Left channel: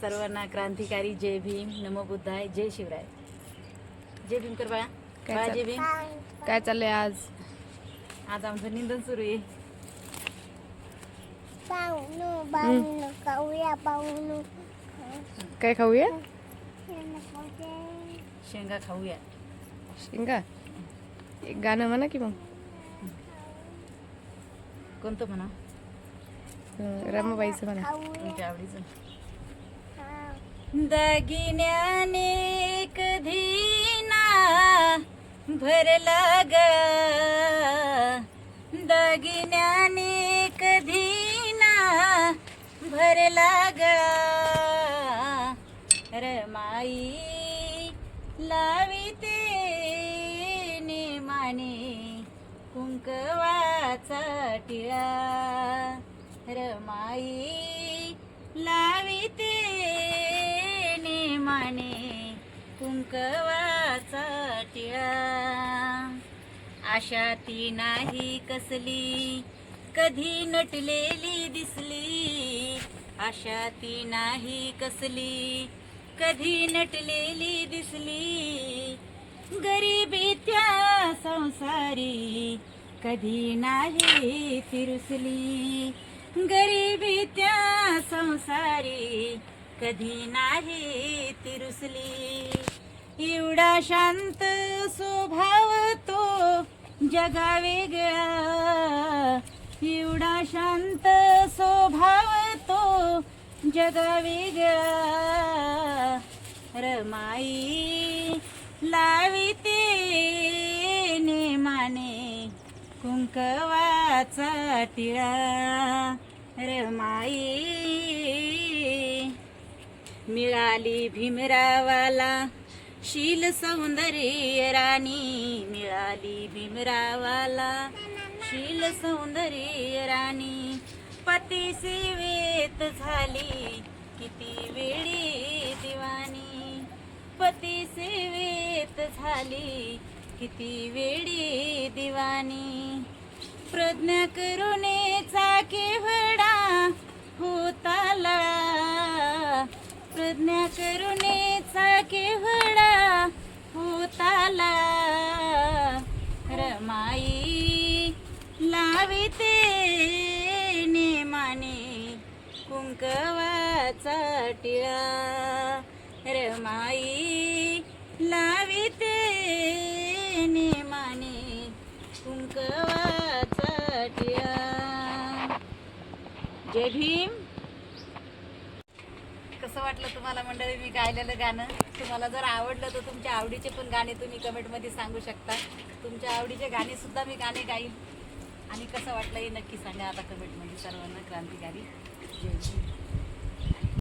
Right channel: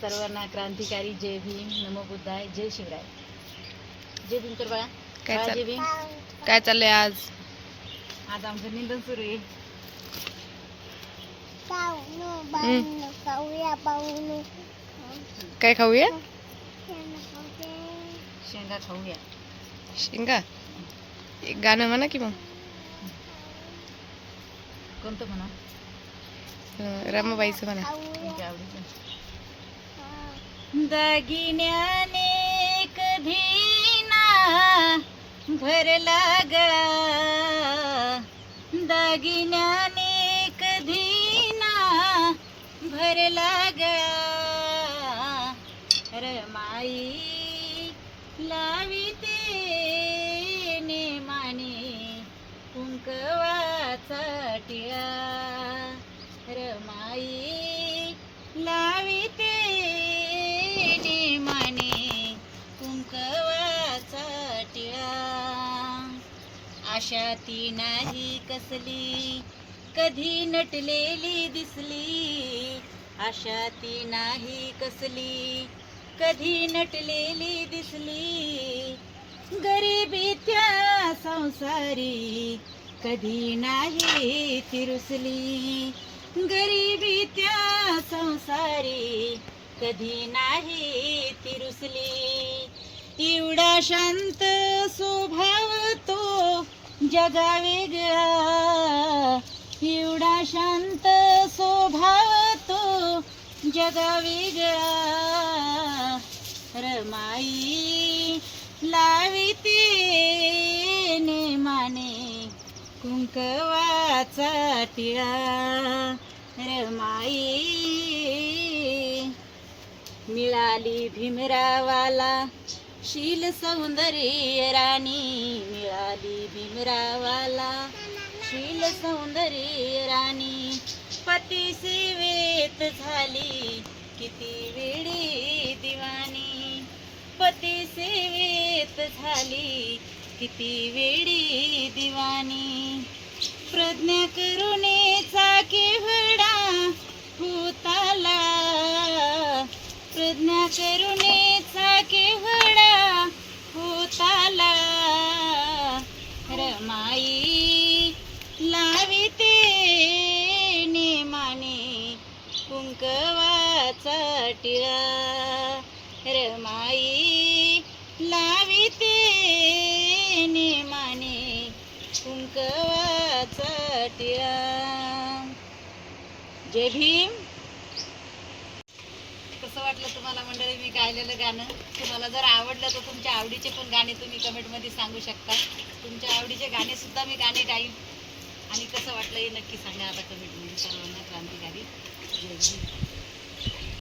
सर्वांना क्रांतिकारी जय भीम नमो बुद्धाय जय शिवराय. जय भीम कर बाळा. काय बाळा, जय चाल- भीम. काय चाललंय आज? आज आमचं निंदन सुरू आहे. काय खाऊया? शेंगा खाऊया. शेंगा? एक गाणं म्हणा की मग? कोणतं म्हणा? अं, रमाबाईचं म्हणा. तुमच्या आवडीचं. दागिन्याने कधीना भरला ग. दागिन्याने कधीना भरला ग. रमाई लाविते नेमाने कुंकवाचा टिळा. रमाई आशा ती नाही कसली कधी नटलेली दिसली. आशा ती नाही कसली कधी नटलेली दिसली. गरीबी त्या संसारी कधी नाही तिरुसली. गरिबी त्या संसारी कधी नाही तिरुसली. एवढा शांत स्वभाव तो जगा वेगळा एवढा शांत स्वभाव तो जगा वेगळा रमाई लाविते नेमाने कुंकवाचा टिळा. रमाई मिळाली भीमरावाला. शील सौंदर्य राणी मिळाली भीमरावाला. शील सौंदर्य राणी पती सेवेत झाली. किती वेळी दिवाणी. पती सेवेत झाली. किती वेळी दिवाणी. प्रज्ञा करुणेचा लाविते नेमाने कुंकवाचा टिळा. रमाई लाविते नेमाने कुंकवाचा टिळा. जय भीम. कसं वाटलं तुम्हाला मंडळी मी गायलेलं गाणं? तुम्हाला जर आवडलं तर तुमच्या आवडीचे पण गाणे तुम्ही कमेंटमध्ये सांगू शकता. तुमच्या आवडीचे गाणेसुद्धा मी गाणे गाईन. आणि कसं वाटलं हे नक्की सांगा आता कमेंटमध्ये. सर्वांना क्रांतिकारी जय